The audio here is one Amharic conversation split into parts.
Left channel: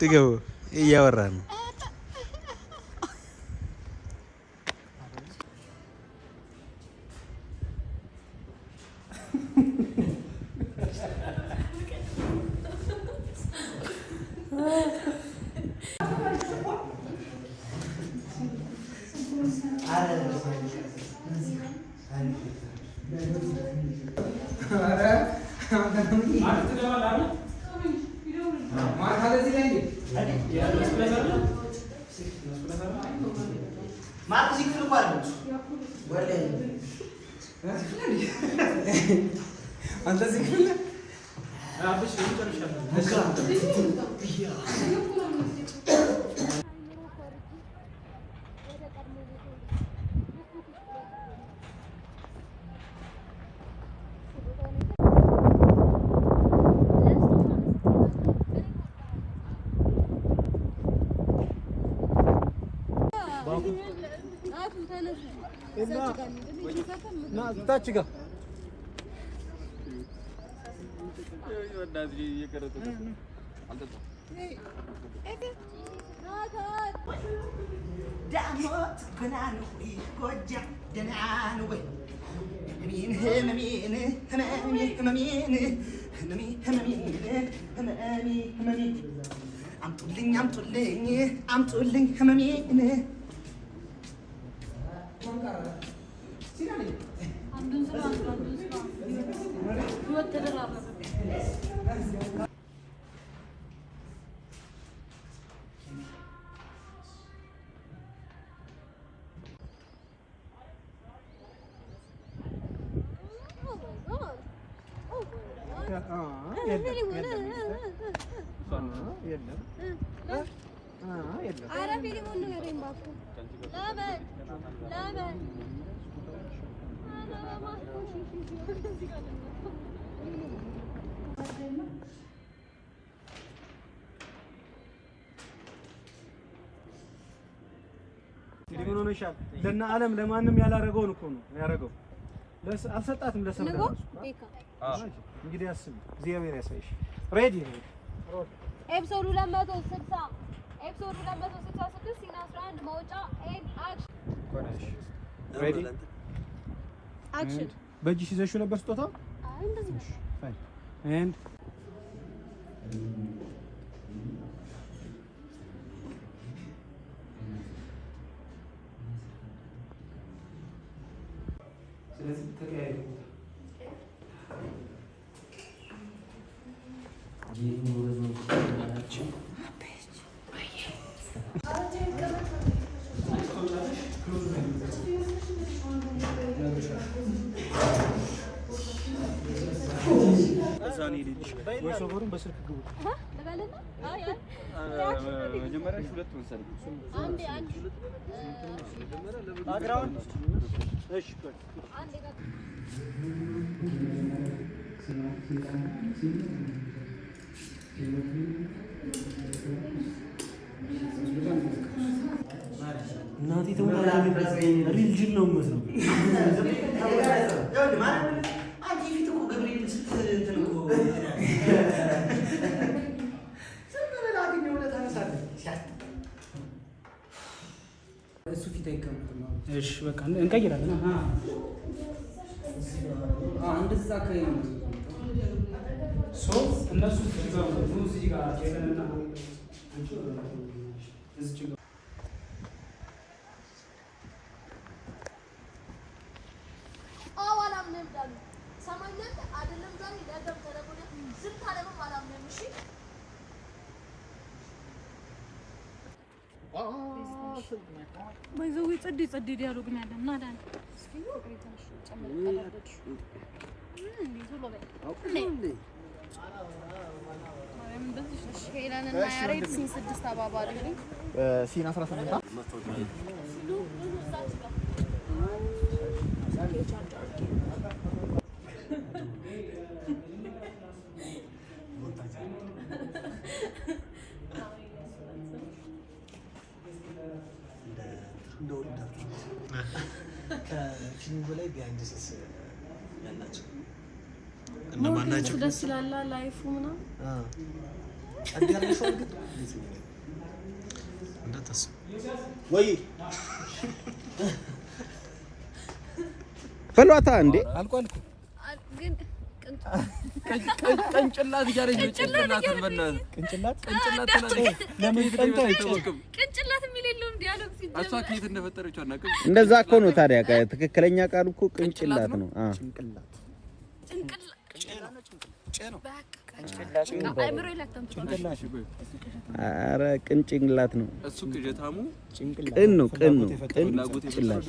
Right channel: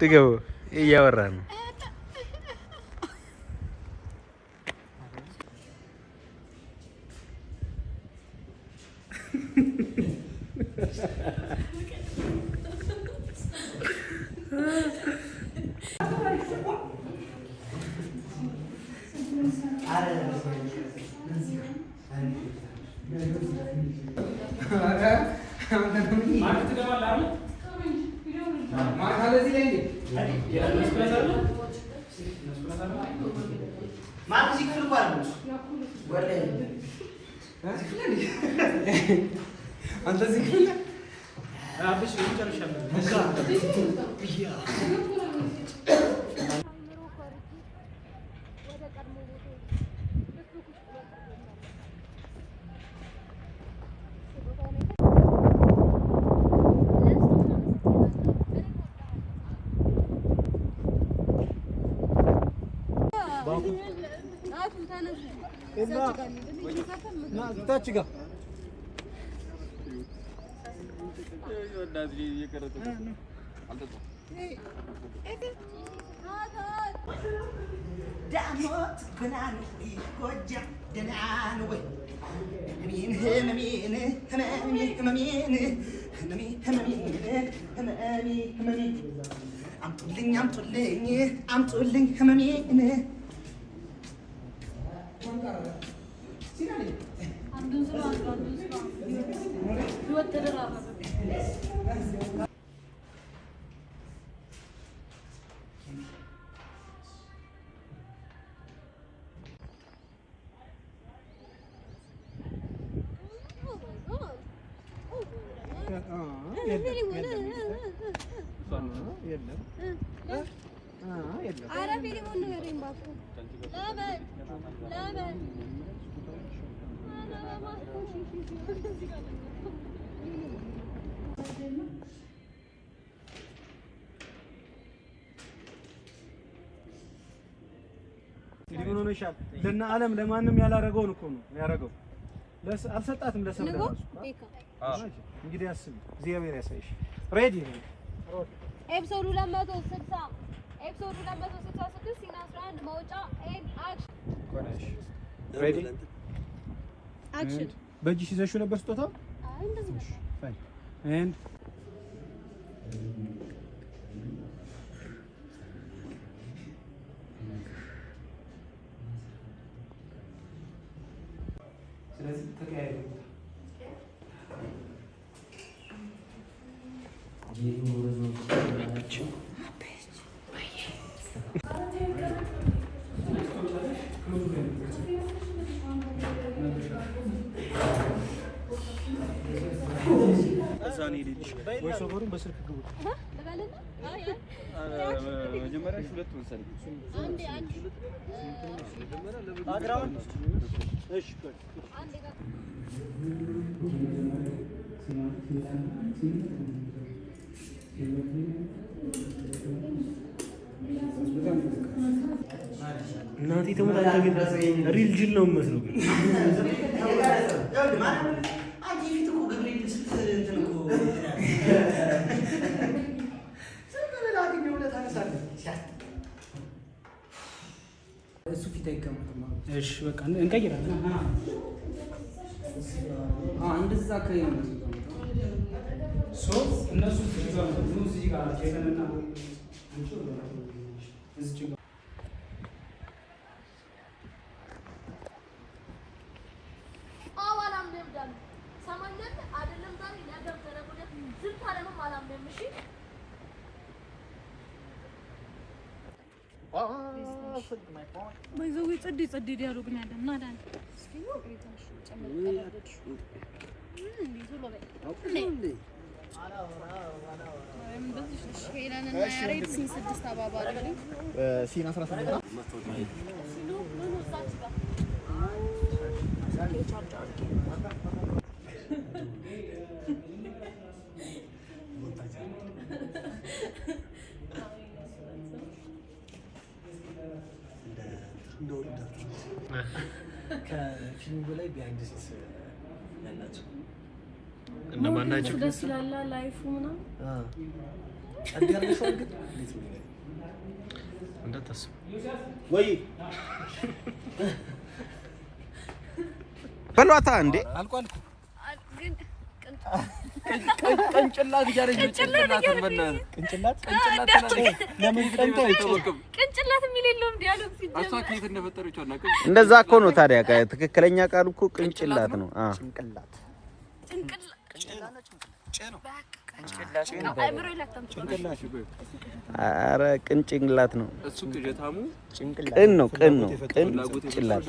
ትገቡ እያወራን ነው። ታችጋ ዳሞት ገናኑ ጎጃ ደናኑ ወይ ህመሜን ህመሜን ህመሜን ህመሜን ህመሜን ህመሜን አምጡልኝ አምጡልኝ አምጡልኝ ህመሜን ሊሆነ ይሻል ለና ዓለም ለማንም ያላረገውን እኮ ነው ያረገው። አልሰጣትም ለሰው እንግዲህ አስብ እግዚአብሔር ያሳይሽ። ሬዲ ኤፒሶድ 260 ኤፒሶድ 266 ሲና 11 መውጫ ኤንድ አክሽን ሬዲ አክሽን በእጅሽ ይዘሽው ነበር ስጦታው? አይ እንደዚህ ነው። ፋይን ኤንድ ስለዚህ ተቀያየሩ ወይ ሶበሩን በስልክ ግቡ ለጋለና አይ መጀመሪያ ሁለት ወሰን አንዴ አንዴ ባክግራውንድ እሺ አንዴ ጋር እናቴ ተሞታ ግን ሪል ጅል ነው የምመስለው። አንቺ ፊት እኮ ገብርኤል እንትን እኮ እሱ ፊት አይቀመጥም። እሺ በቃ እንቀይራለን። እንደዛ አካባቢ ነው እነሱ እዚህ ጋር ጀነና እዚህ ጋር ባይዘው ጸዲ ዲያሎግ ነው ያለን እና ዳን ሄለንና ያሬድ ሲን 6 አባባሪ ሲን 18 ከፊልሙ በላይ ቢሃይንድ ሲስ ያላቸው እነማን ናቸው? ደስ ይላል ላይፉ ምናምን አዲያርነሽው ግን እንዴት ነው እንደተሰበ ወይ ፈሏታ እንዴ አልቋል ግን ቅንጭላት እያለች ቅንጭላት ለምን ቀንቶ አይተውም ቅንጭላት የሚል የለውም ዲያሎግ ሲጀምር እሷ ከየት እንደፈጠረችው አናውቅም። እንደዛ እኮ ነው ታዲያ። ትክክለኛ ቃሉ እኮ ቅንጭላት ነው። ጭንቅላት ኧረ ቅንጭላት ነው እሱ ቅጀታሙ ቅን ነው ቅንጭላት።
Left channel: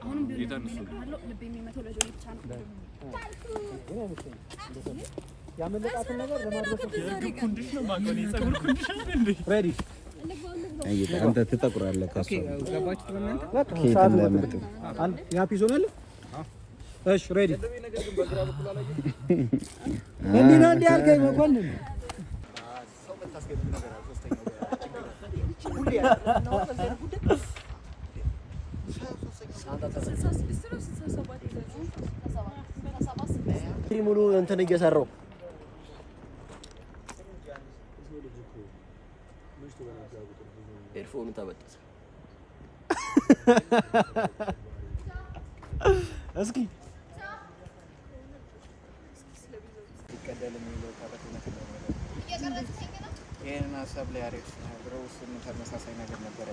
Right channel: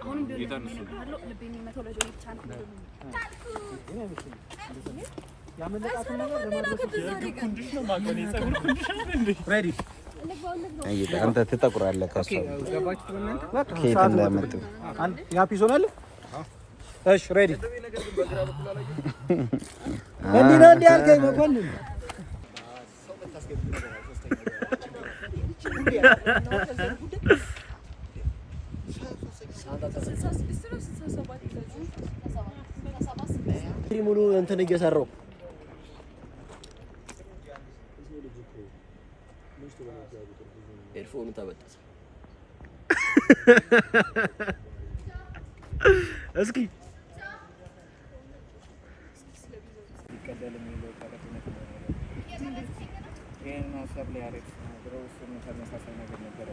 አሁንም ቢሆን ነው ልብ የሚመታው ለጆሮ ብቻ ነው። አንተ ትጠቁራለህ ከእሷ ከየት እንዳመጡ ያ ፒስ ሆናል። እሺ ሬዲ እንዴ ነው እንዴ አልከኝ መኮንን ሙሉ እንትን እየሰራው ኤርፎኑ ተበጠሰ። እስኪ ይሄን ሀሳብ ላይ አሪፍ ብለው እሱም ተመሳሳይ ነገር ነበር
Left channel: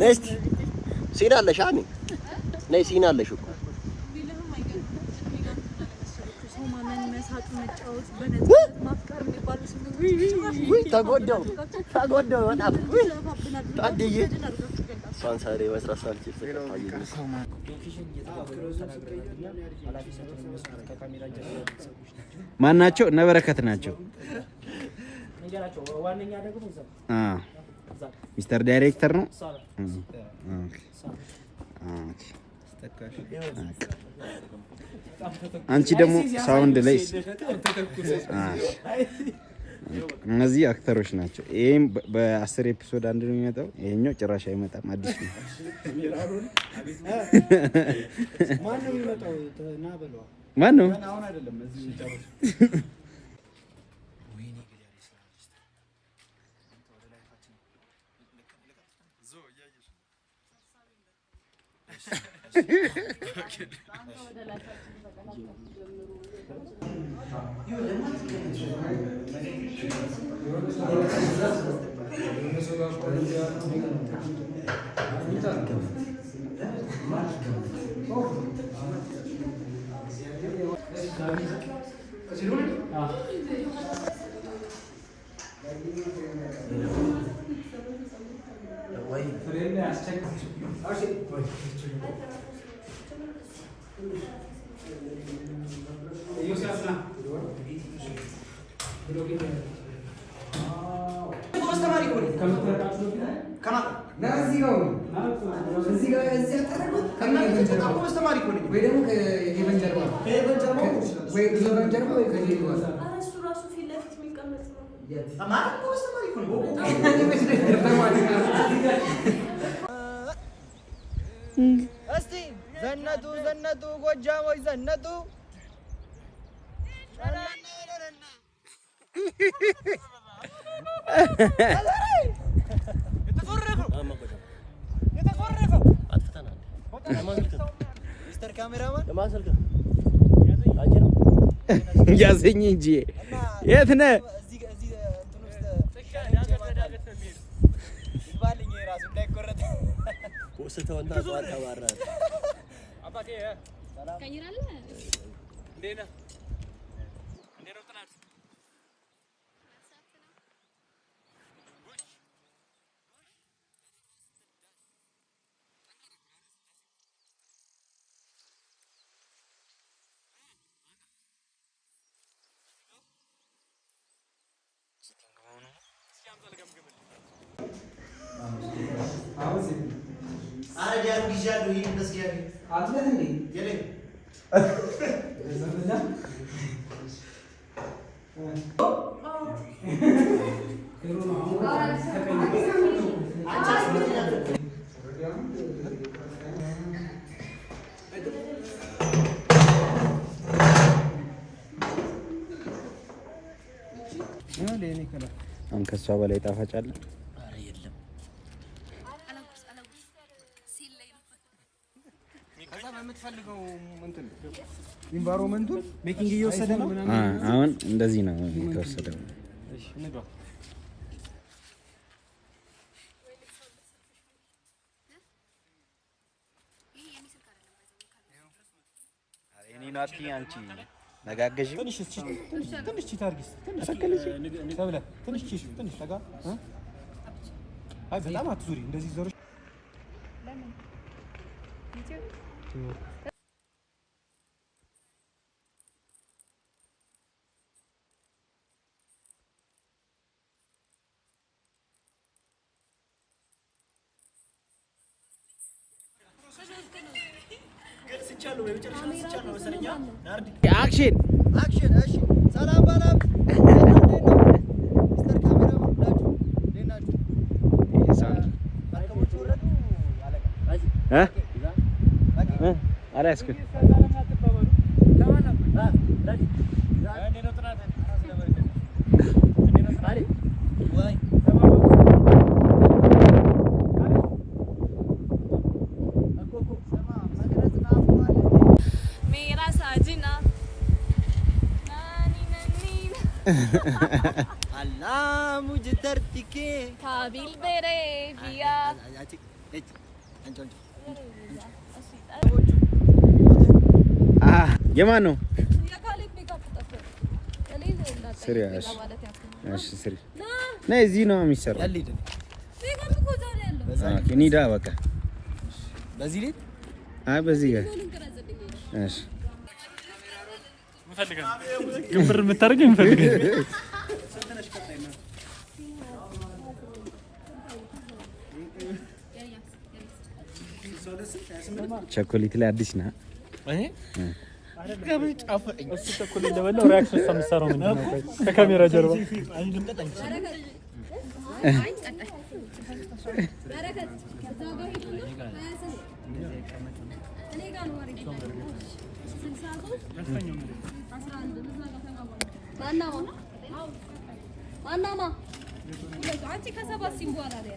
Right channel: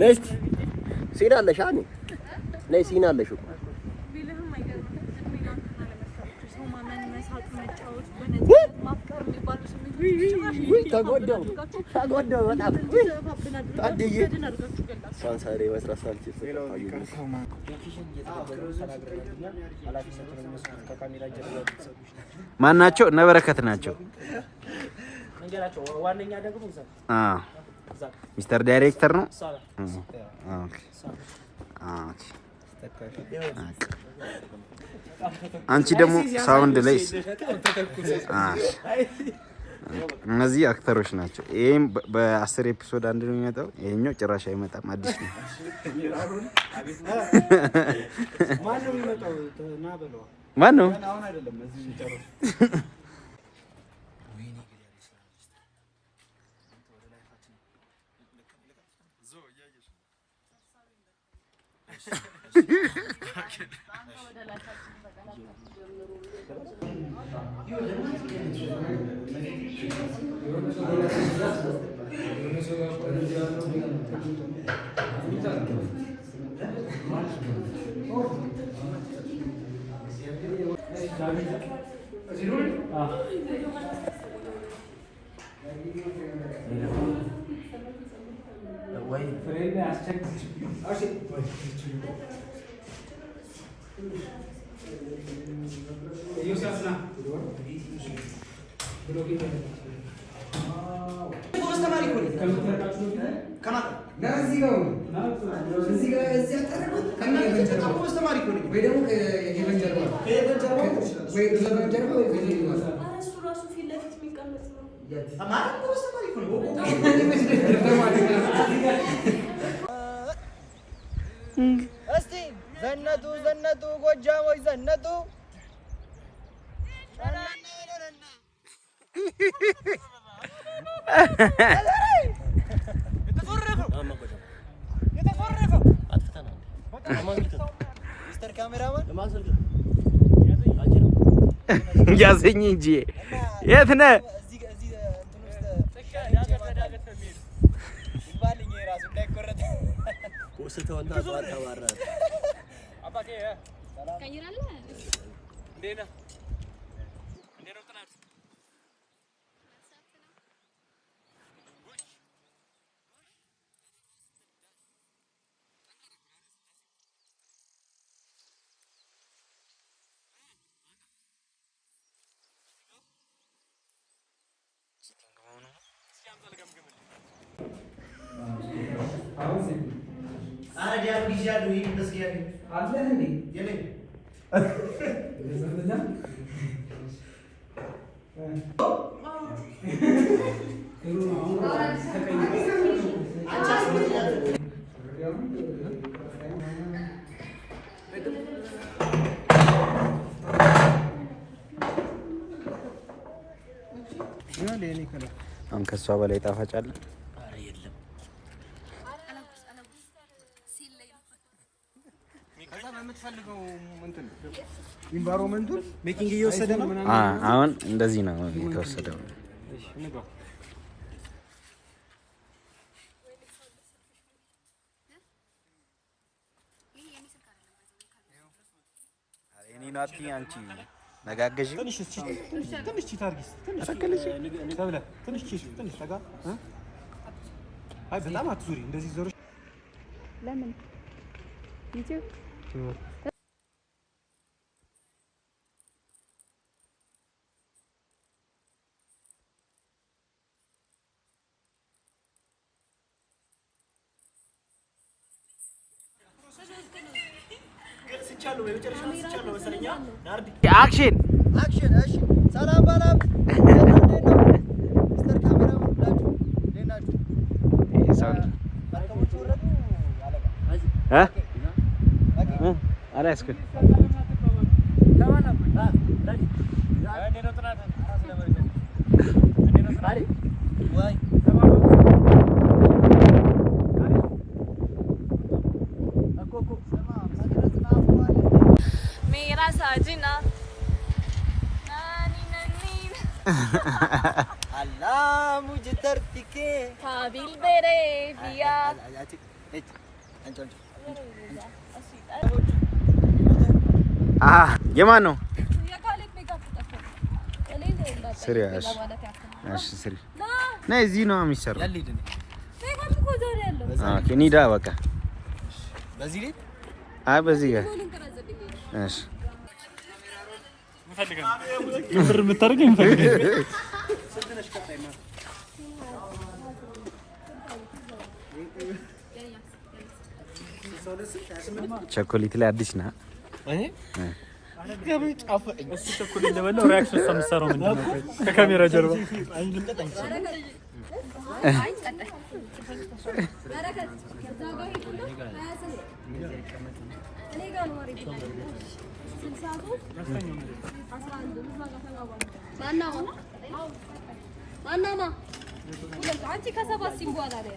ነስቲ ሲና አለሽ አኒ ነይ ሲና አለሽ እኮ ተጎዳው በጣም ታድዬ ሳንሳሬ መስራት ሳልችል ተቀጣየኝ። ማን ናቸው? እነ በረከት ናቸው። ዋነኛ ደግሞ ሚስተር ዳይሬክተር ነው። አንቺ ደግሞ ሳውንድ ላይ እነዚህ አክተሮች ናቸው። ይሄም በ10 ኤፒሶድ አንድ ነው የሚመጣው። ይሄኛው ጭራሽ አይመጣም፣ አዲስ ነው። ማን ነው? አሁን አይደለም እዚህ ጨርሱ። እስቲ ዘነጡ ዘነጡ ጎጃሞች ዘነጡ ሚስተር ካሜራማን ያዘኝ እንጂ የት ነህ? ከሷ በላይ ጣፋጭ አለ? ኧረ የለም። ከዛ በምትፈልገው እንትን ኢንቫይሮመንቱን ሜኪንግ እየወሰደ ነው ምናምን። አሁን እንደዚህ ነው የተወሰደው። እሺ እንግባ። እኔ ናቲ አንቺ ነጋገዥ ትንሽ ታርጊስ ትንሽ ተጋ። አይ በጣም አትዙሪ እንደዚህ ዘሮች ለምን ዩቲዩብ አክሽን አክሽን። እሺ ሰላም ባላም ሚስተር ካሜራማን ሁላችሁ እንዴት ናችሁ? ባርከሞቹ ወረዱ አለቃ አላስከ Allah मुझे धरती के काबिल बेरे बिया የማን ነው? ነይ እዚህ ነው የሚሰራው። ኒዳ በቃ በዚህ ላይ አይ በዚህ ጋር እሺ ብር የምታደርገው እንፈልገው ቸኮሌት ላይ አዲስ ነህ? አይ ገቢ ጫፈኝ እሱ ቸኮሌት ለምን ሪአክሽን ሰምሰሩ ከካሜራ ጀርባ አይ ልምጣኝ አይ ቀጣይ እኔ ጋር ነው ወሬ አንቺ ከሰባት ሲም በኋላ ላይ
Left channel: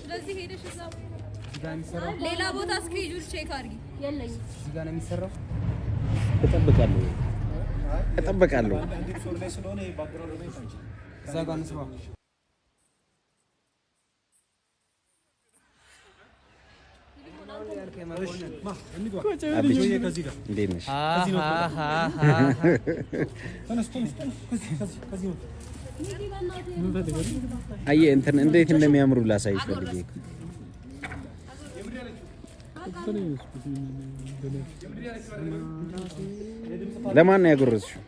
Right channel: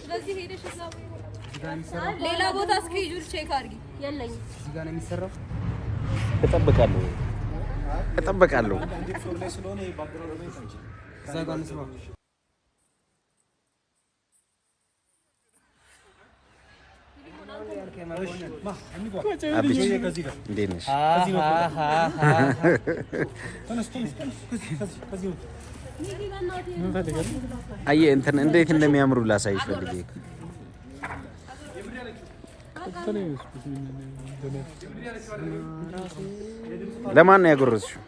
ስለዚህ ሄደሽ ሌላ ቦታ እስኬጁል ቼክ አድርጊ። የለኝም እዚህ ጋር ነው የሚሰራው። እጠብቃለሁ። እዛ ጋር ነው ስማ አየህ እንትን እንዴት እንደሚያምሩ ላሳይሽ ፈልጌ። ለማን ነው ያጎረስሽው?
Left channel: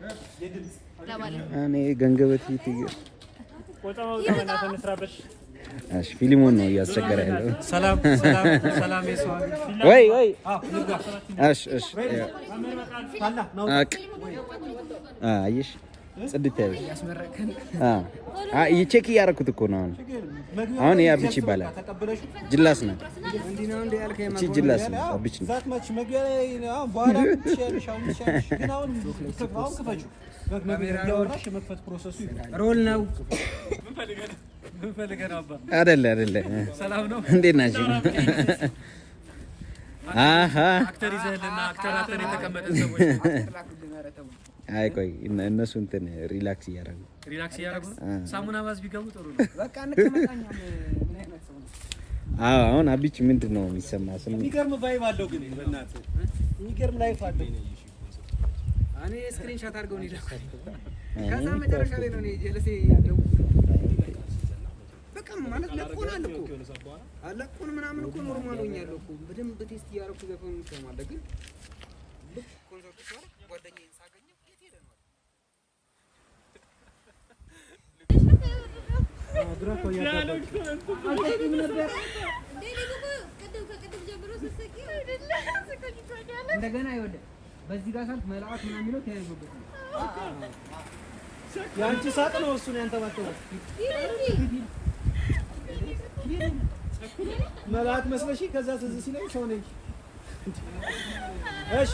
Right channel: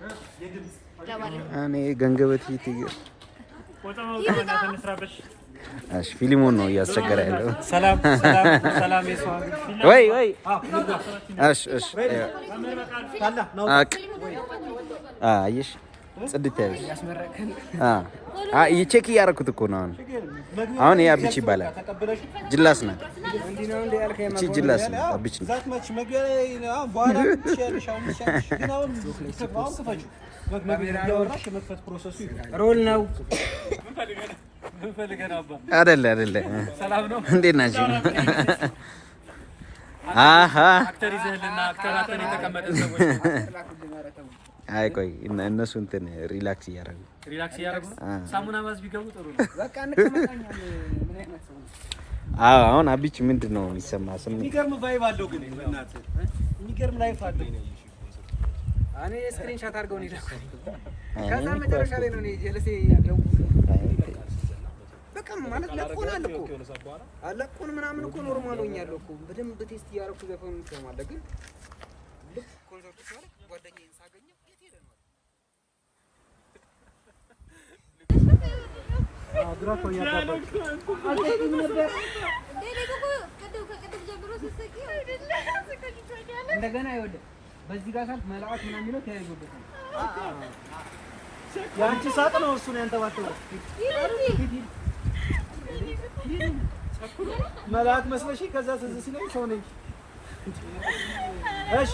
እኔ ገንገበት እሺ ፊልሙን ነው እያስቸገረ ያለው። ሰላም የሰው ወይ እሺ አየሽ ጽድት ያለ ያስመረቀን ቼክ እያደረኩት እኮ ነው አሁን ያ ብቻ ይባላል ጅላስ ነው እንዴ ነው እንዴ ያልከኝ እቺ ጅላስ ብቻ ዛት ማች መግቢያ ነው በኋላ ትሻለሽ አሁን ግን አሁን ከፈች ያወራሽ መክፈት ፕሮሰሱ ሮል ነው ምን ፈልገህ ነው አባ አይደለ ሰላም ነው እንዴት ናችሁ አክተር ይዘህልና አክተር አተን የተቀመጠ ሰዎች አይ ቆይ እነሱ እንትን ሪላክስ እያደረጉ ሳሙና ባዝ ቢገቡ ጥሩ ነው በቃ እንከመጣኛ ምን አይነት ሰው ነው አሁን አብች ምንድነው የሚሰማ ስም የሚገርም ቫይብ አለው ግን እናት የሚገርም ላይፍ አለው እኔ ስክሪን ሻት አድርገው ነው ይላኩኝ ከዛ መጨረሻ ላይ ነው እኔ ጀለሴ ደው በቃ ማለት ለቆናል እኮ አለቆን ምናምን እኮ ኖርማል ሆኛለሁ እኮ በደንብ ቴስት እያደረኩ ዘፈን እንሰማለን ግን ልክ ኮንሰርቱ ሲያልቅ ጓደኛዬን ሳገኘው የት ሄደ ነው ድራኮ ያዳበቅ አልተኝም ነበር እንደገና ይወደ በዚህ ጋር ሳልፍ መልአክ ምናምን የሚለው ተያይዞበታል ያንቺ ሳቅ ነው እሱ ነው ያንተባተው መልአክ መስለሽ ከዛ ትዝ ሲለኝ ሰው ነኝ እሺ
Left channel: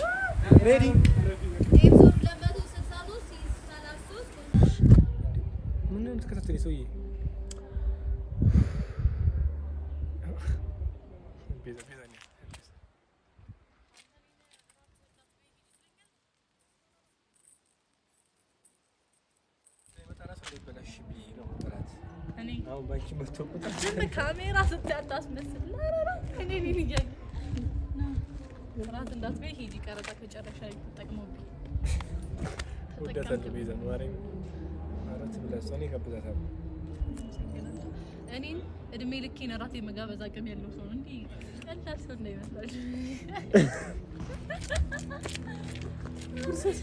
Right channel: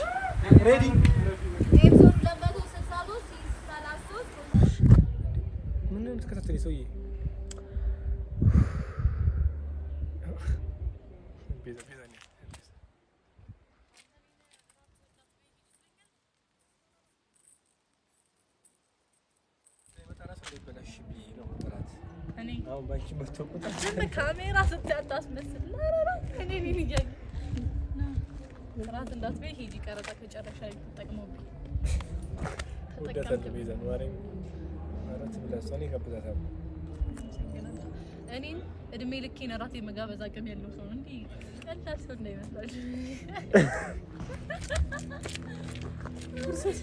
ሬዲ ኤፒሶድ 263 ምን ነው ተከታተለ ሰውዬ ቤዛ አሁን ባንቺ በተቆጣ ካሜራ ስታስመስል ላራራ እኔ ነኝ ይያይ ራት እንዳትበይ ሂጂ ቀረጣ ከጨረሻ ተጠቅመውብኝ ወደታለ ቤዛ ነው አረኝ አራት ብላስታኔ ከብዛታው እኔን እድሜ ልኬን ራት የመጋበዝ አቅም ያለው ሰው እንዴ ቀላል ሰው እንዳይመስላል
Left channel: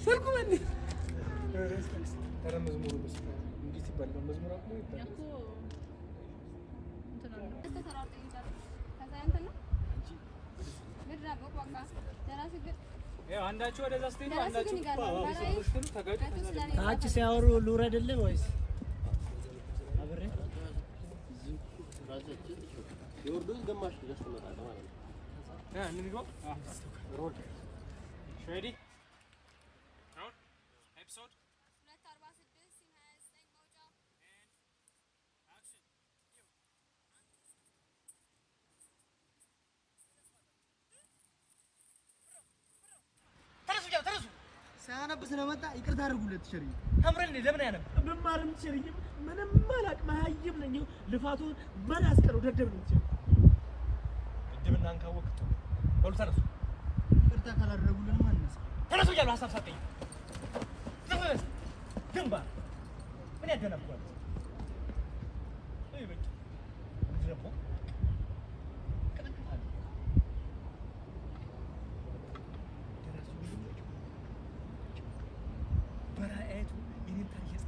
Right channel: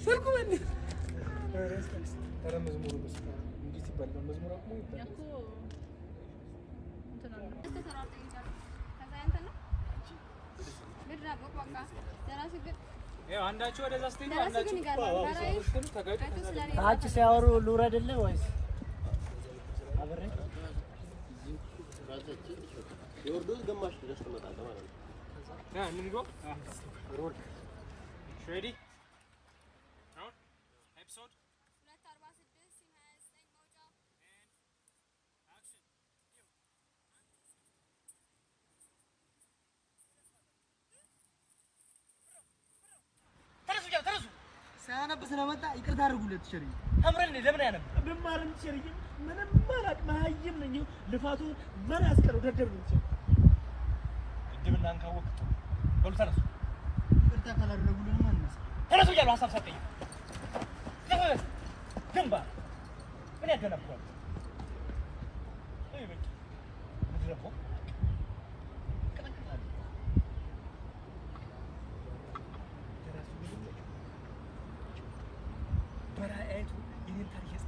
ሰልኩ ማን ተረመዝ ሙሉ እንዴት ይባላል መዝሙር አቁሞ ይባላል ያኮ ያው አንዳችሁ ወደዛ ስትሄዱ አንዳችሁ ታች ሲያወሩ ልውረድልህ ወይስ አብሬ የወርዱስ ግማሽ ድረስ ተመጣጣ ማለት ነው እንግባ ሮል ሬዲ አሁን ኤፒሶድ 246 29 መውጫ አክሽን ተረሱ ሳያነብ ስለመጣ ይቅርታ አድርጉለት ሸሪ አምረን ለምን ያነብ ብማርም ሸሪ ምንም ማላቅ ማይም ነኝ ልፋቱ በር ያስቀረው ደደብ ነው ድብናን ካወቅ ወል ተረሱ ይቅርታ ካላደረጉልን ማንነስ ተረሱ ያለው ሐሳብ ሰጠኝ ዘፈስ ግንባ ምን ያደነብኳል አይበቂ ምድረቆ በራእይቱ ይሄን ታሪክ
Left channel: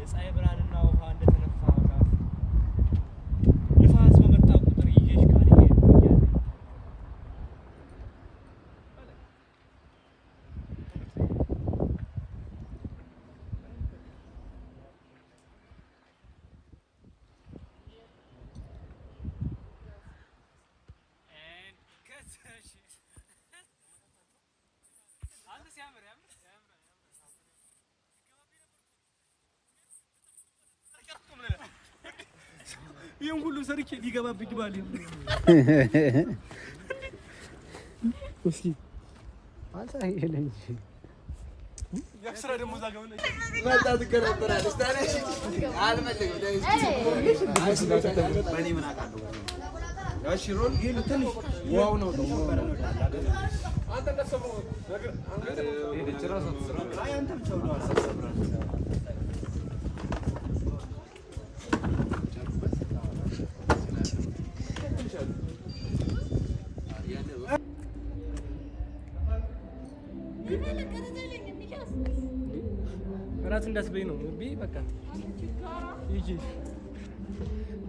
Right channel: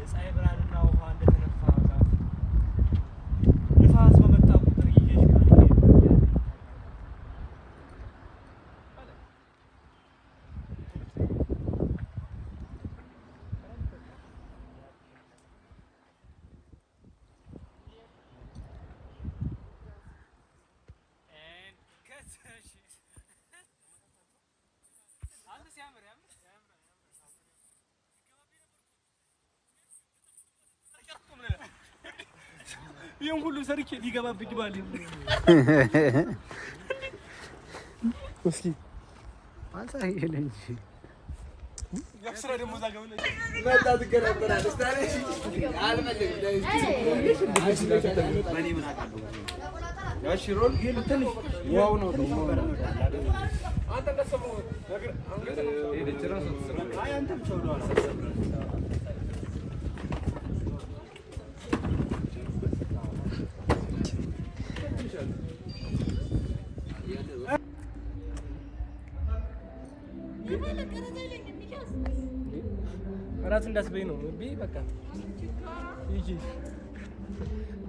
የፀሐይ ብርሃንና ውሃ እንደተነፋ ዛፍ ንፋስ በመጣ ቁጥር ይዤሽ ካልሄድ ይሄን ሁሉ ሰርቼ ሊገባብኝ ባል እስኪ አንሳይ ይለኝ ያክስራ ደግሞ ዛጋው ነው መጣ ትከራከራለች ታዲያ አልመለኝም በኔ ምን አውቃለሁ ያሺ ሮል ይሄ ትንሽ ዋው ነው ደግሞ አንተ እንደሰማው ነገር አይ አንተ ብቻ ነው እራት እንዳትበይ ነው ቢ በቃ ይጂ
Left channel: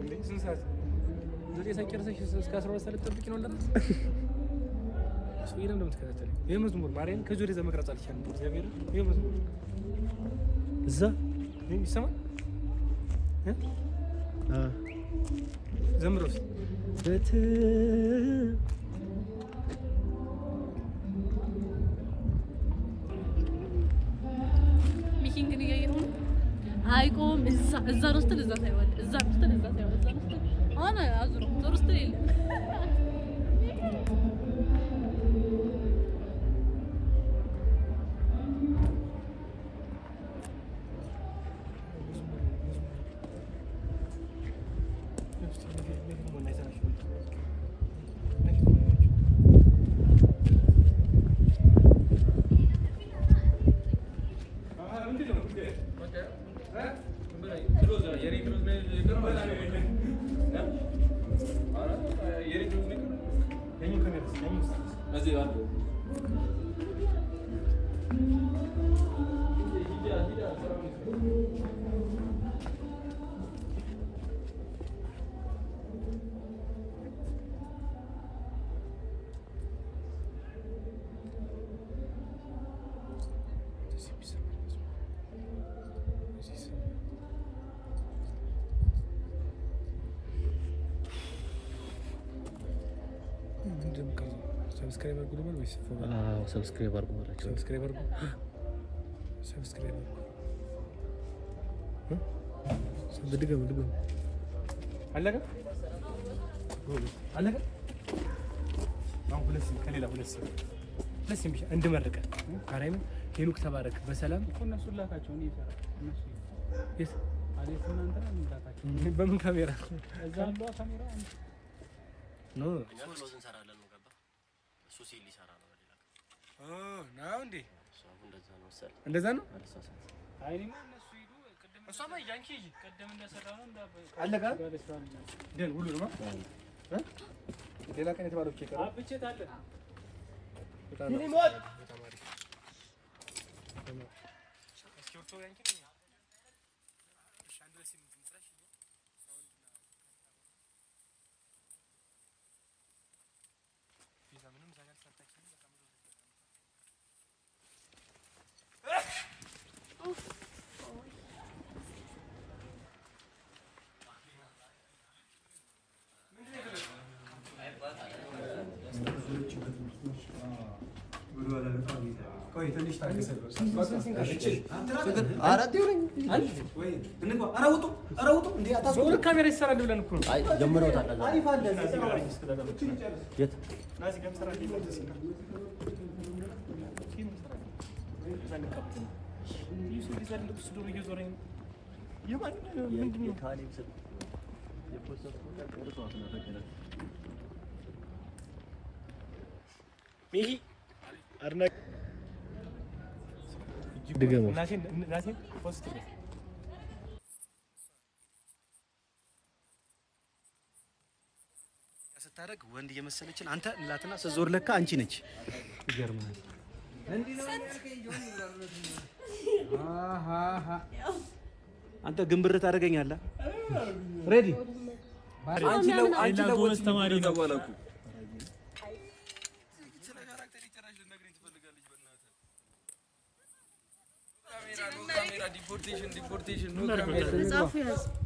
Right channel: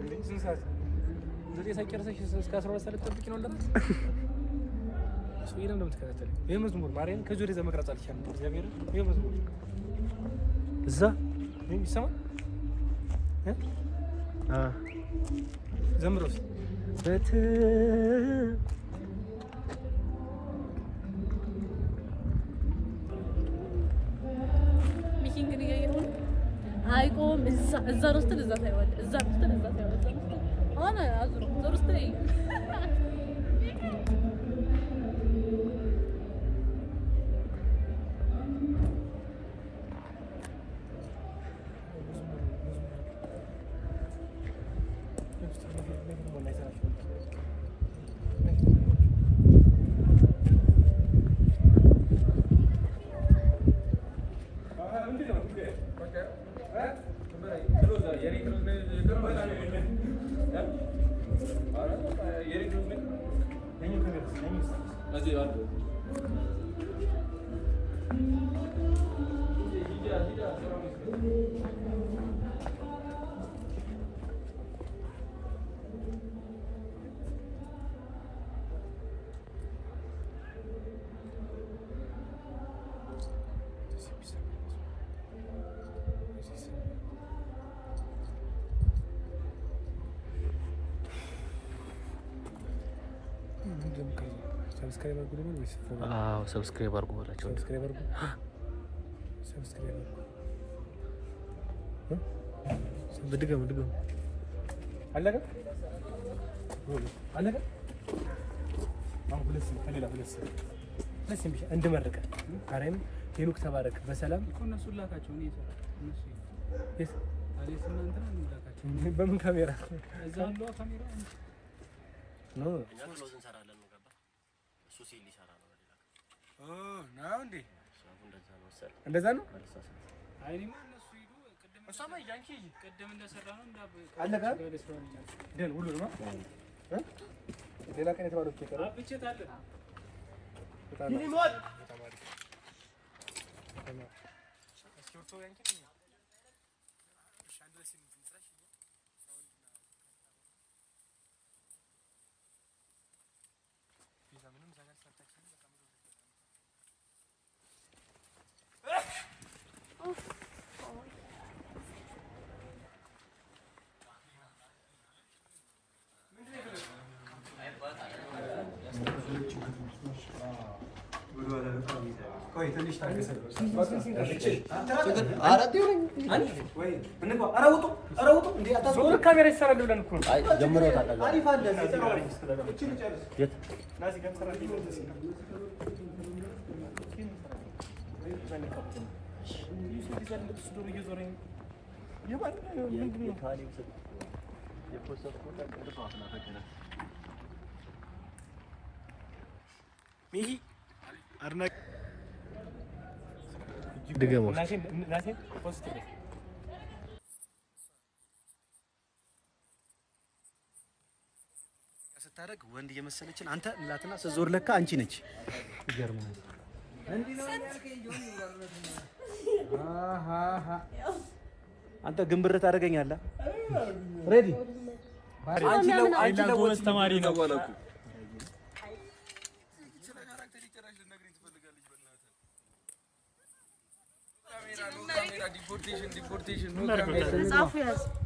እንዴ ስንት ሰዓት ዘጠኝ ሳይጨርሰሽ እስከ 12 ሰዓት ልትጠብቂ ነው እንደምን ሰው ይለም እንደምትከታተል ይሄ መዝሙር ማርያም ከዚህ ወደዛ መቅረጽ አልቻለም። እግዚአብሔር ይሄ መዝሙር እዛ ምን ይሰማል? ዘምሮስ ሚኪንግ ግን እያየኸው ነው። አይቆም እዛ ነው ስትል እዛ ታይዋለህ። እዛ ነው ስትል እዛ ታይዋለህ። እዛ ነው ስትል አሁን አዙሮ ዞር ስትል የለም። ሰብስክራይብ አድርጉ ልበል ወይስ? አዎ ሰብስክራይብ አድርጉ በላቸው። ሰብስክራይብ አድርጉ። ሰብስክራይብ አድርጉ። ድገሙ አለቀ። አሁን ሁለት ከሌላ ሁለት ብቻ እንድመርቀ ካሬም ሄኖክ ተባረክ በሰላም እነሱ ላካቸው ነው እሱ በምን ካሜራ እዛ ነው ካሜራ ነው ነው እንዴ? እንደዛ ነው። አይኔማ እነሱ ሄዱ ቅድም እሷማ ያንቺ ቅድም እንደሰራ ነው አለቀ። ደን ሁሉ ነው ሌላ ቀን የተባለው ኬክ ነው አብቼት አለ በጣም ነው ተማሪ እስኪ ያንቺ ሻንድረስ ምትራሽ ይዛ ምንም ዛጋር ሳታክሲ ካሜራ ይሰራል ብለን እኮ ነው። አይ ጀምረውታል። አሪፍ አለ የት ናዚ ገምሰራ ስታደርግ ወንድ እየመሰለችን አንተ ላትና ስትዞር ለካ አንቺ ነች። ይገርማል። አንተ ግንብር ታደርገኛለህ። ሬዲ አንቺ ለወንድ ተማሪ ነው ወላኩ ዲፖርቴሽን ነው ካሜራ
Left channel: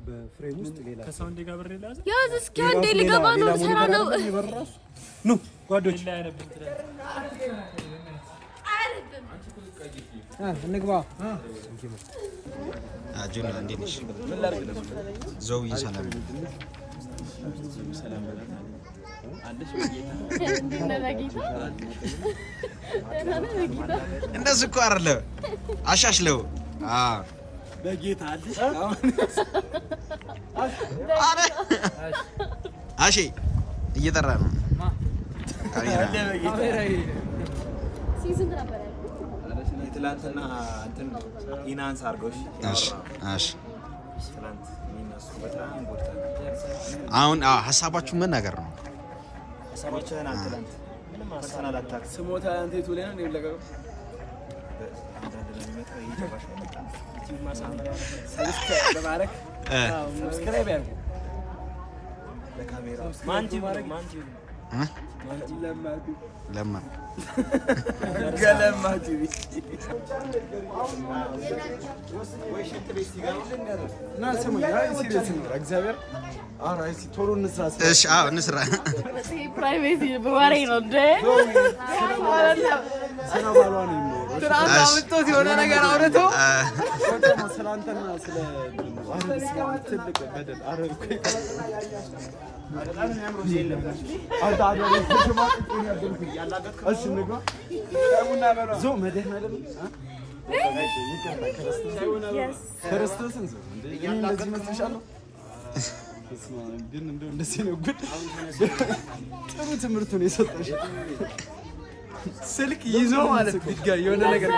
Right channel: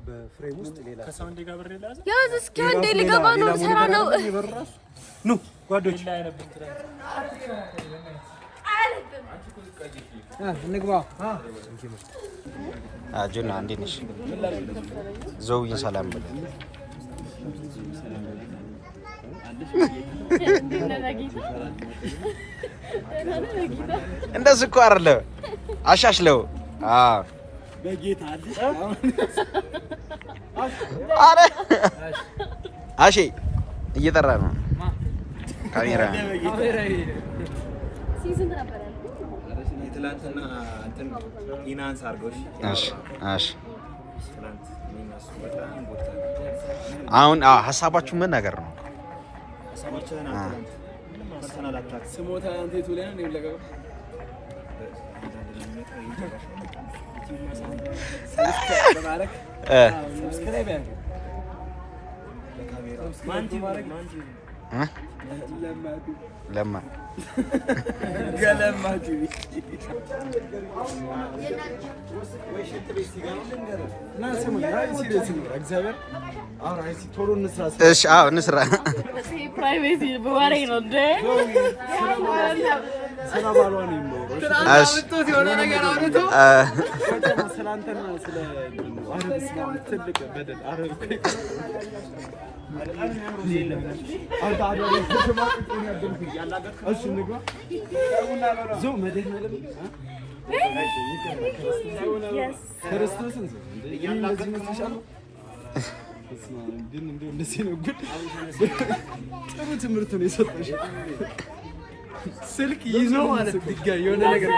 በፍሬም ውስጥ ሌላ ከሳውንድ ጋር ብር ይላል ያዝ እስኪ አንዴ ልገባ ነው ሰራ ነው ኑ ጓዶች እንግባ አጁና እንዴ ነሽ ዘውዬ ሰላም በል ሰላም በል እንደዚህ እኮ አይደለ አሻሽለው በጌታ አዲስ አረ አሺ እየጠራ ነው ካሜራ ሲዝን ነበር ያልኩት ትላንትና እንትን ኢናንስ አርጎሽ አሽ ትላንት ሚናስ በጣም ቦታ አሁን ሐሳባችሁ ምን ነገር ነው? ሐሳባችሁን አትላንት ምንም ፐርሰናል አታክ ስሞታ አንተ ይቶለና ነው ለቀቀው ሰብስክራይብ ያርጉ ለካሜራ ለማ ገለማ ቲቪ እሺ አዎ እንስራ ፕራይቬሲ በወሬ ነው እንደ ስለ ባሏ ነው የሚኖረው እሺ የሆነ ነገር አውርቶ ስለ አንተና ስለ አረብ ስማም ትልቅ በደል አረብ ስልክ ይዞ ማለት ድጋሚ የሆነ ነገር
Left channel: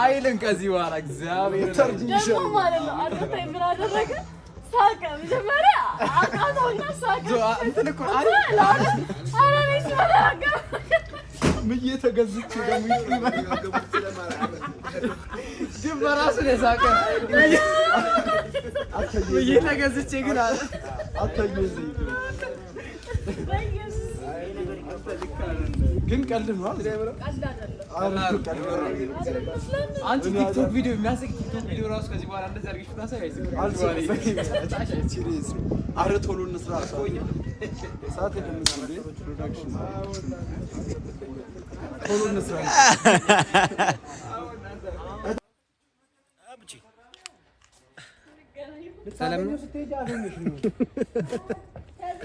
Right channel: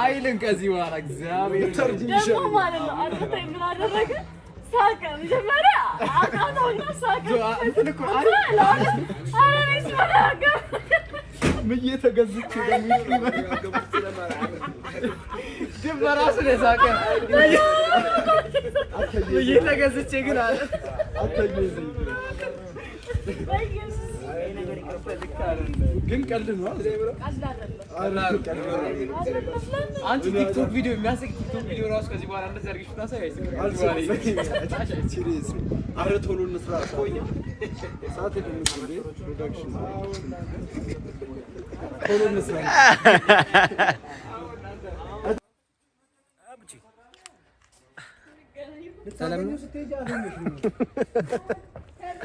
አይልን ከዚህ በኋላ እግዚአብሔር ደግሞ ማለት ነው አንተ ምን አደረገ ሳቀ መጀመሪያ አቃተውና ሳቀ እንትን እኮ አረኔስ ማላጋ ምን እየተገዝች ደግሞ ግን በራሱ ነው ሳቀ ምን እየተገዝች ግን አለ ግን ቀልድ ነው አንቺ ቲክቶክ ቪዲዮ የሚያስቅ ቲክቶክ ቪዲዮ ራሱ ከዚህ በኋላ እንደዛ አድርገሽ ታሳይ ሲሪየስ አረ ቶሎ እንስራ ቆኛ ሰዓት የምንሰራ ፕሮዳክሽን ቶሎ እንስራ ሰላም ነው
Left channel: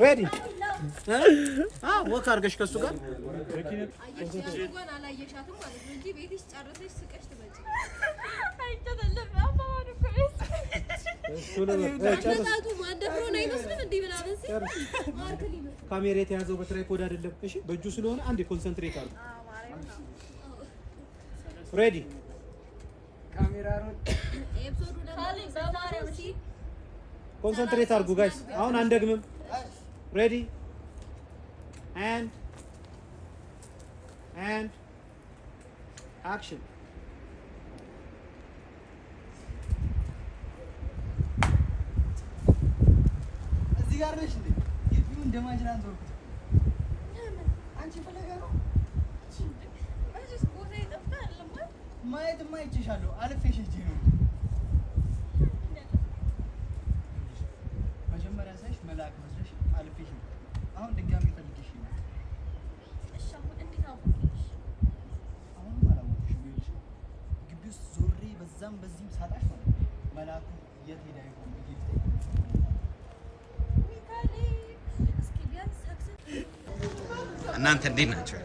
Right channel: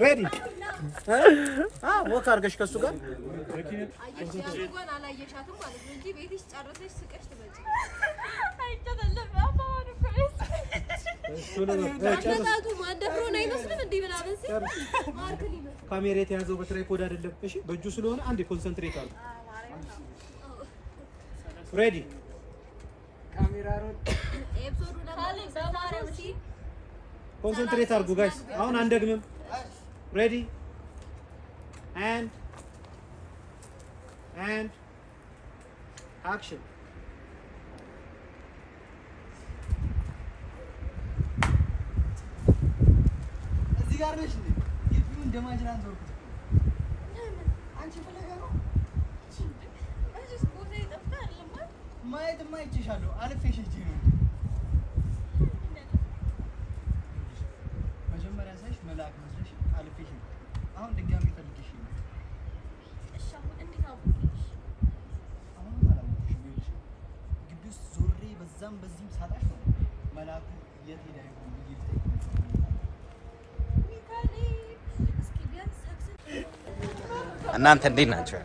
ሬዲ ወክ አድርገሽ ከሱ ጋር እንኳን አላየሻትም ማለት ነው እንጂ ቤትሽ ጨርሰሽ ስቀሽ ትመጪ አይተደለም አባባሉ ጨርሰቱ ማደፍሮን አይመስልም እንዴ ብላ በሲ ማርክሊ ካሜራ የተያዘው በትራይፖድ አይደለም እሺ በእጁ ስለሆነ አንዴ ኮንሰንትሬት አድርጉ ሬዲ ካሜራ ሮድ ኤፒሶዱ ለማለት በማርያም እሺ ኮንሰንትሬት አድርጉ ጋይስ አሁን አንደግምም ready and action እዚህ ጋር ነሽ እንዴ ይሁን እንደማጅራን ተወርኩት አንቺ ፈለጋ ነው እዚህ ቦታ ይጠፍታ አይደለም ማየት ማይችሻለሁ አልፌሽ እጂ ነው መጀመሪያ ሳይሽ መልአክ መስለሽ አልፌሽ አሁን ድጋሚ ፈልግሽ ነው እሺ አሁን እንዴት አውቅሽ አሁን ማላውቅሽ ቢልሽ ግቢ ውስጥ ዞሬ በዛም በዚህም ሳጣሽ ነው መልአኩ የት ሄዳ ይሆን ይልጥ እስኪ ቢያንስ ሰክሰስ እናንተ እንዴት ናችሁ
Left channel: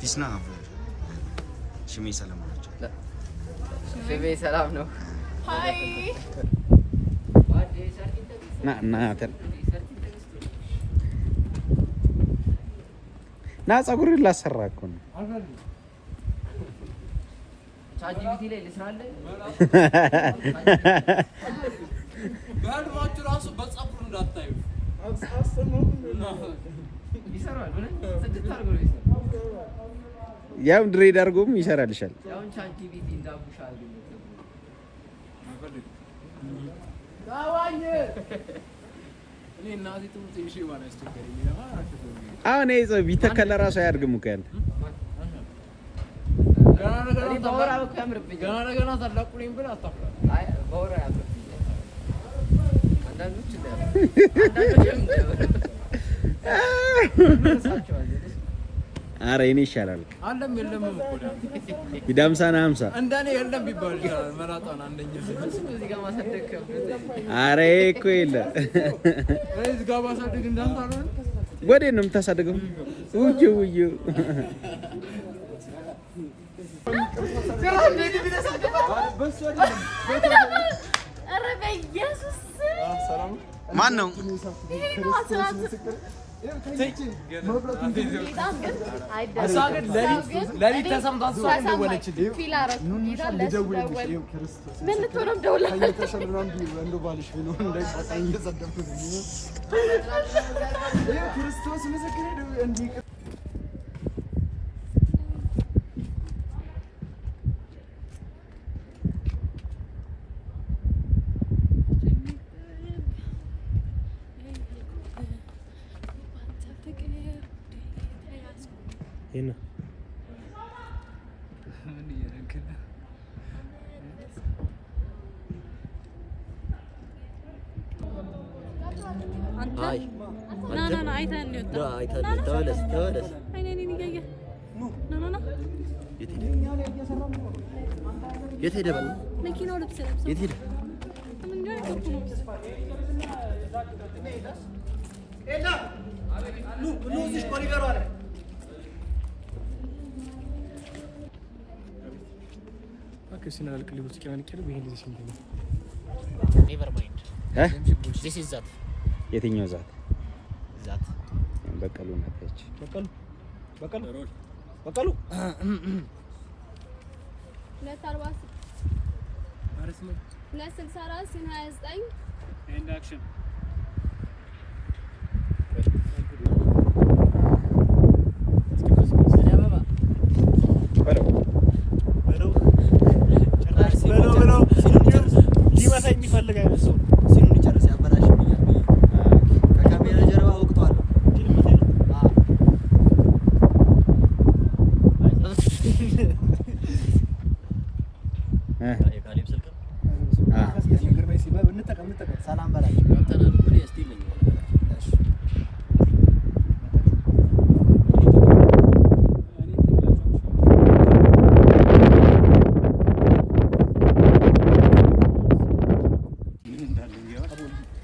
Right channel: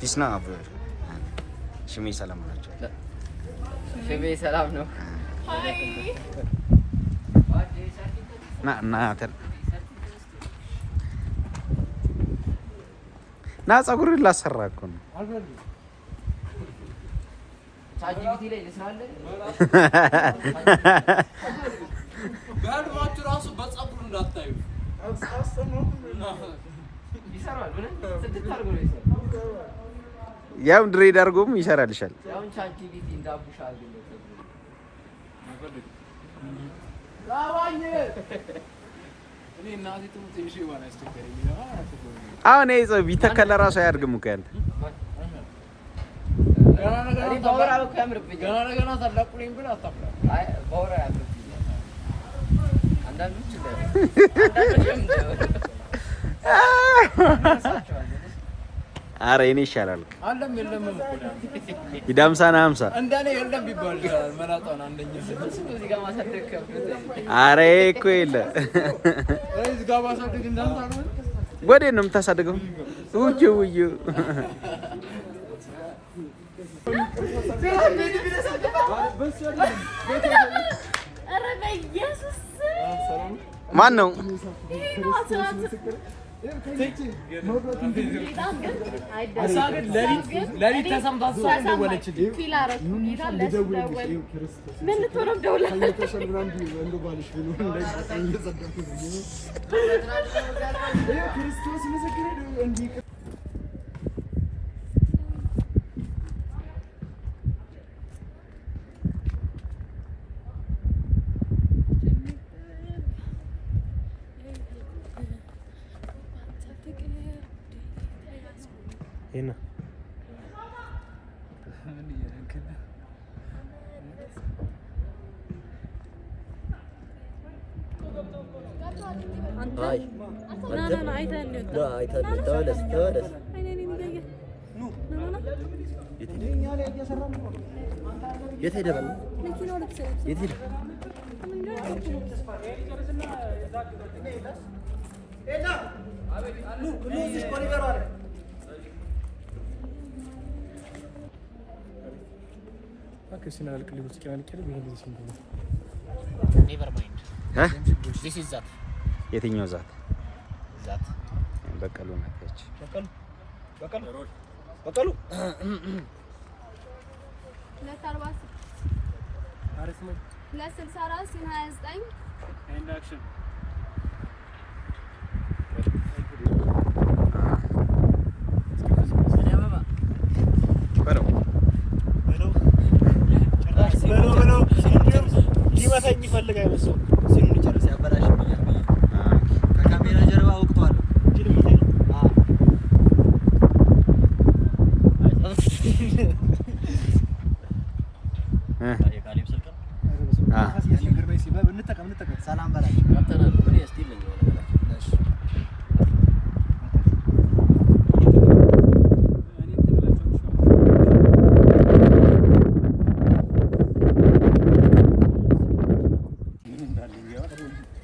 ፒስ ነው ሽሜ ሰላም ናቸው ሽሜ ሰላም ነው ሃይ ና ፀጉርን ላሰራ እኮ ነው ቻጂቢቲ ላይ ልስራለ ጋድማችሁ ራሱ በፀጉሩ እንዳታዩ ይሰራል ብለን ስድስት አድርጎ ነው ይሰራል ያው ድሬድ አድርጎም ይሰራልሻል ያው ቻጂቢቲ እንዳቡሻ አድርጎ ጋዋኝ እኔ እናቴ ትሙት እሺ ማለት አስተከረኝ አሁን ይዘው ቢተከለ ራሱ አያርግም እኮ ያንተ እኔ ባወራ እኮ ያምርብኝ ገና ታላቁልኝ ብለ አታፍራ አይ ባወራ ያምርብኝ አንዳንዶች አረ እኔ ይሻላል አለም የለም እኮ ይዳምሳና 50 እንደኔ የለም ቢባል ይችላል መላጣን አንደኛ እዚህ ጋር ማሳደግ ከብት አረ እኮ የለ እዚህ ጋር ማሳደግ እንዳንተ ነው ወዴት ነው የምታሳድገው ውዩ ኧረ በኢየሱስ ማን ነው ለሊት ተሰምቷት ሰው እንደወለችልኝ ፊል አደረኩ ጌታ ለስደወል ምን ልትሆንም ደውላ ክርስቶስ ምስክሬ እንዲህ አይ ና አይተን ነው ና አይተን ተወለስ አይኔን ይያየ ና የት ሄደ በል መኪናው ልብስ የት ሄደ ኑ እዚህ ኮሪደሩ አለ አከሲና ለቅልብ ውስጥ ቃን ይከለ በይሄ ልጅ ሲንተ ኔቨር ማይንድ this is that የትኛው ዛት በቀሉ ነች በቀሉ ለካርባስ አረስመ ለ64 29 ኤንድ አክሽን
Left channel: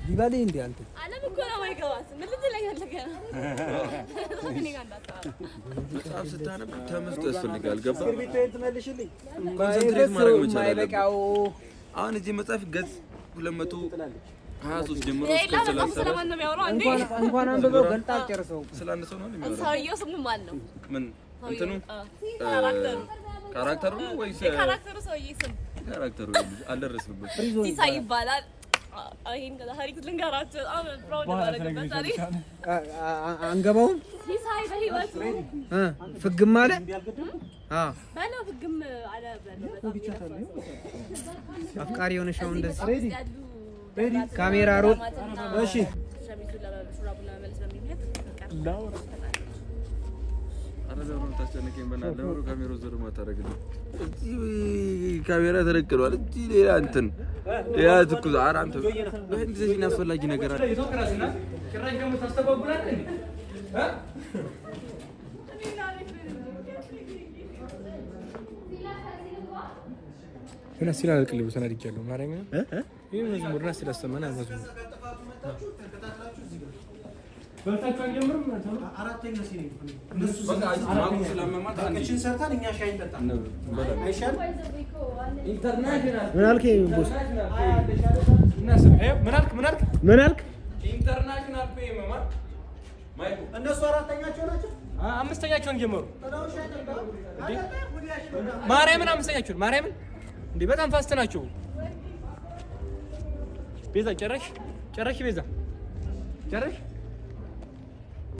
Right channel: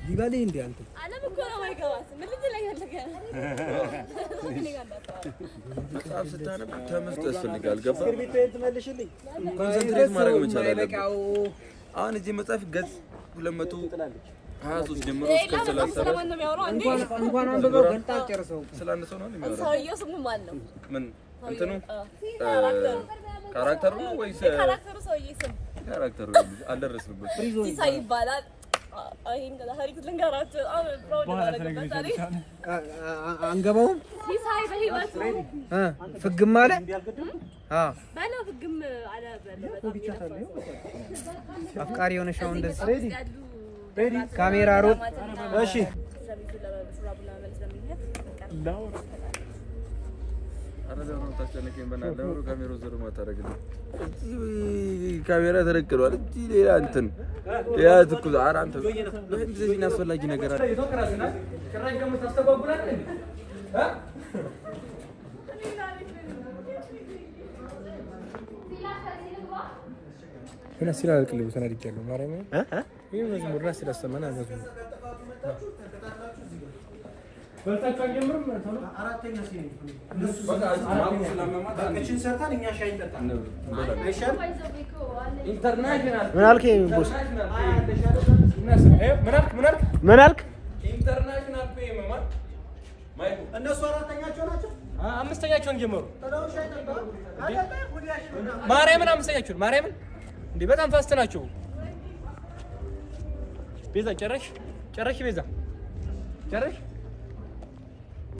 ሊበል እንዴ አንተ አለም እኮ ነው ማይገባት ምን ልጅ ላይ ያለገ እኔ ጋር እንዳታወራ መጽሐፍ ስታነብ ተመስጦ ያስፈልጋል። ገባ ስክሪፕቶን ትመልሽልኝ ኮንሰንትሬት ማድረግ መቻል አለብህ። አሁን እዚህ መጽሐፍ ገጽ 223 ጀምሮ እስከ 30 ስለማን ነው የሚያወራው እንዴ? እንኳን አንድ ነው ገልጣ ጨርሰው ስለ አንድ ሰው ነው የሚያወራው። ሰውየው ስሙ ማን ነው? ምን እንትኑ ካራክተሩ ነው ወይስ ካራክተሩ? ሰውዬ ስም ካራክተሩ አልደረስንበት። ሲሳይ ይባላል። አይን ታሪክ ልንገራችሁ። በጣም ፕራውድ ማረግበት ታሪክ አንገባውም። ሲሳይ በህይወቱ ፍግም አለ ባለ ፍግም አለ አፍቃሪ የሆነሽ አሁን እንደዚህ ካሜራ ሮል እሺ አረዳው ታስጨነቀኝ በእናትህ ለምሮ ካሜራው ዞር ማታረግልኝ እዚህ ካሜራ ተደቅሏል። እዚህ ሌላ እንትን ያ ትኩስ አራንተ በእንደዚህ አስፈላጊ ነገር አለ። ጭራሽ ደግሞ ታስተጓጉላለህ እንዴ? ምን አስይላል ቅልብ ተናድጃለሁ። ማርያም ይሄ መዝሙር ራስ ስላሰማና መዝሙር በልታችሁ አንጀምርም ነው አራተኛ ሲኒ እነሱ በቃ ማቁ ስለማማታ እቺን ሰርታን እኛ ሻይ እንጠጣለን። አይሻል ኢንተርናሽናል ምን አልከኝ ቦስ? ምን አልክ? ኢንተርናሽናል ፔ ማማ ማይኩ እነሱ አራተኛቸው ናቸው። አምስተኛቸውን ጀመሩ። ማርያምን አምስተኛቸውን ማርያምን እንዴ በጣም ፋስት ናቸው። ቤዛ ጨረሽ ቤዛ ጨረሽ